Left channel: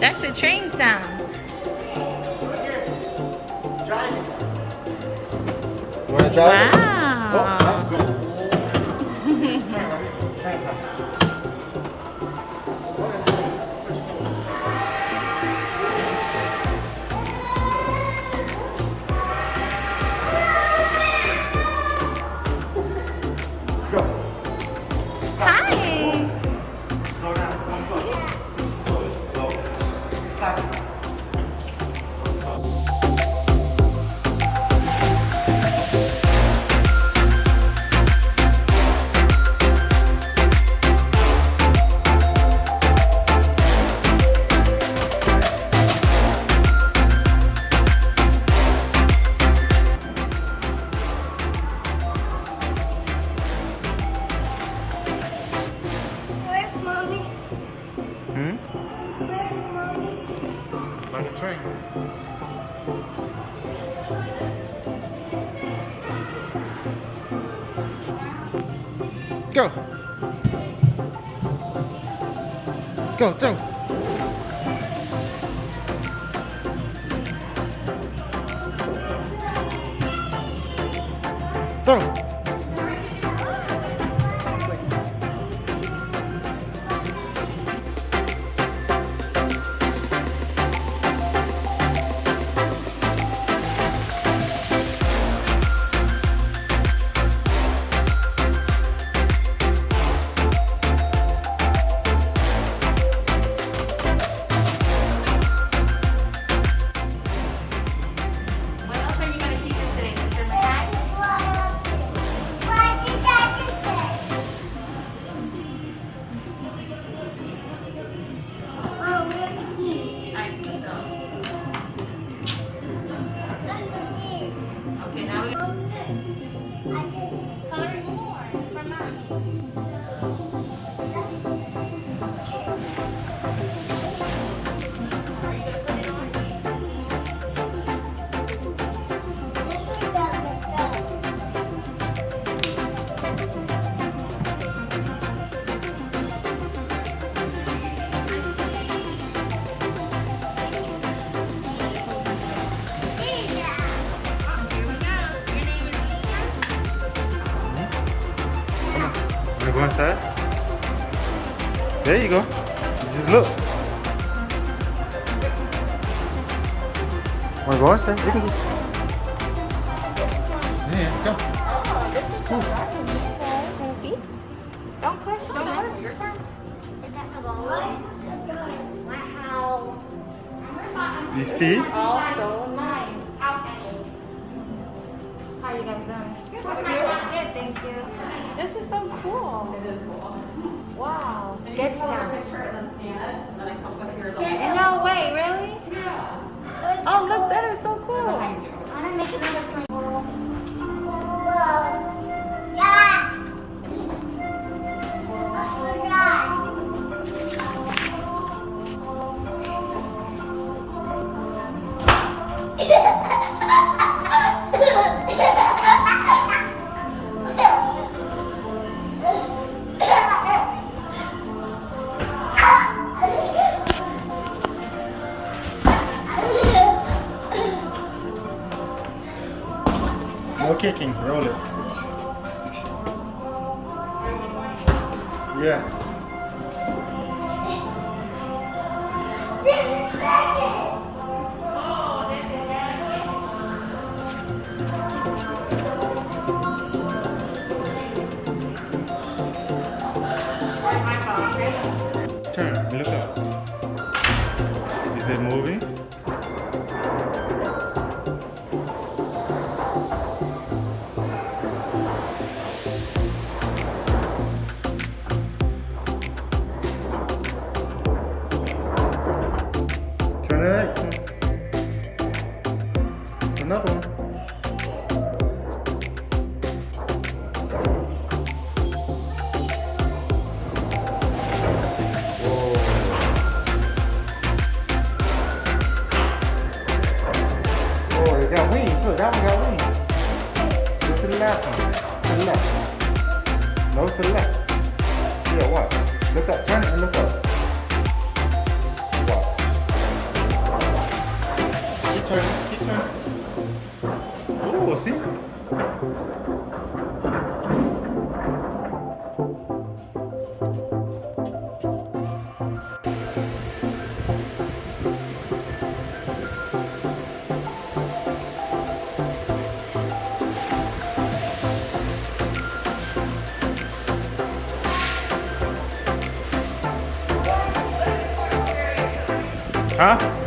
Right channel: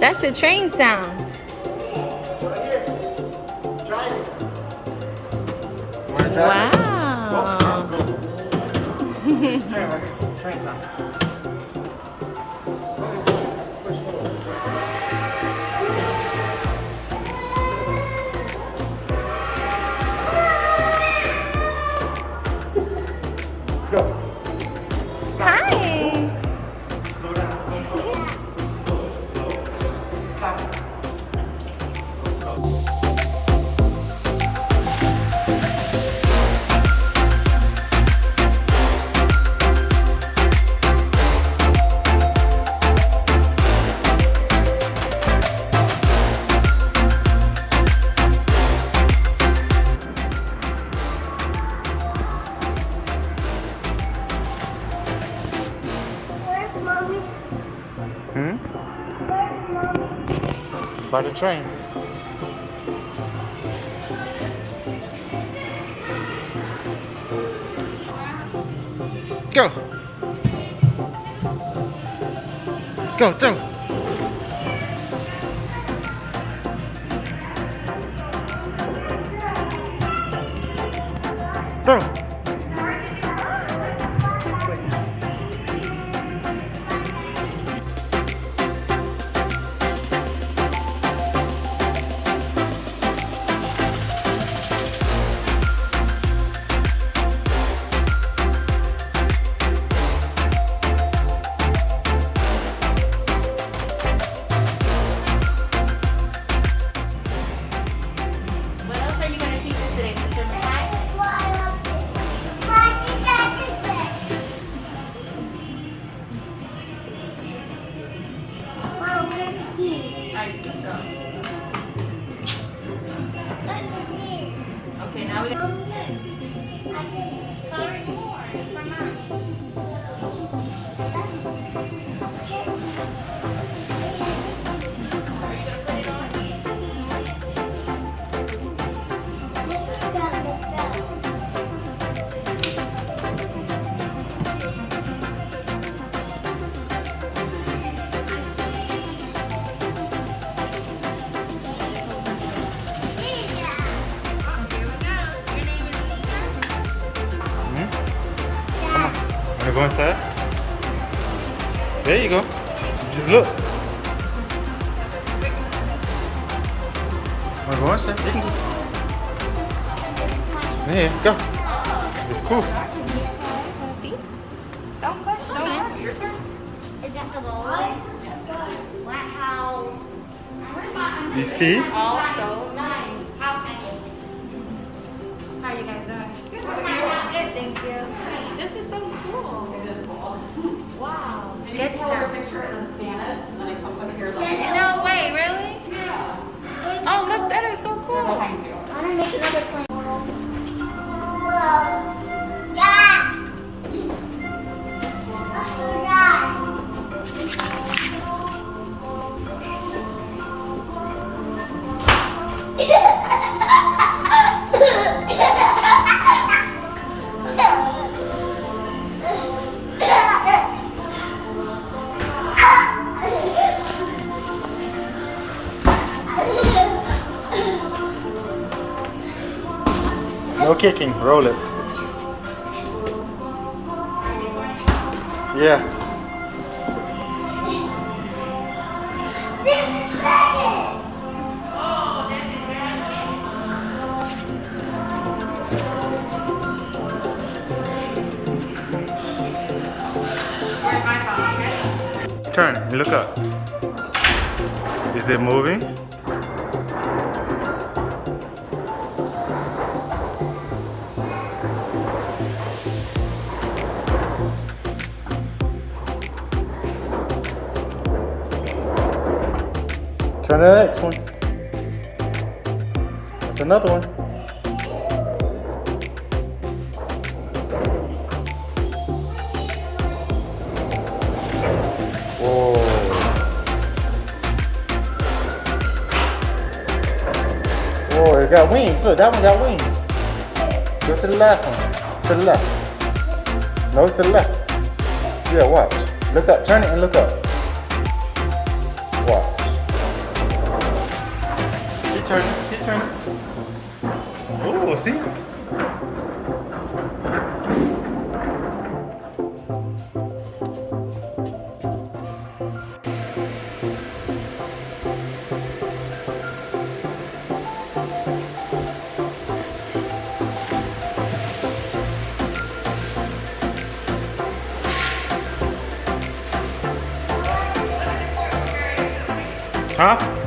That's the train sound. Wow. Hi. Slow down. Slow. Slow. Stop. Where's mommy? Where's mommy? By the train. Go. Go, throw. Throw. What else are you going to teach us today, Mr. McKay? What did I just say? Mom, where's the keys? That's the keys. Okay, now we Mom, I did. color more for Mom. Are you going to put it on? This one got messed up. Here we go. Your name is Lena? Come on. Wanna go inside? There you go. Just look. Wanna go inside? You can go. Yeah, go. It's cool. See? Don't push. Don't yell. Your turn. Is that the ball? Wow. You see? Oh, so nice. How are you guys doing? Good. Good, thank you. This is so cool. It is cool. Wow. Sketch time. Picture and then scan it, and then it comes up here. No way, really? Yeah. Oh, look, that is so cool. Behind you. I want to make another plane. Dad! No kicking. Roll it. Yeah. Turn and look up. Is it moving? Turn to the next one. That's another one. Whoa. Whoa, it got wings. Look, that one got wings. Go to the last one. To the left. No, to the left. Yeah, watch. Look up. Turn it and look up. Watch. turning, keep turning. Oh, see? Huh?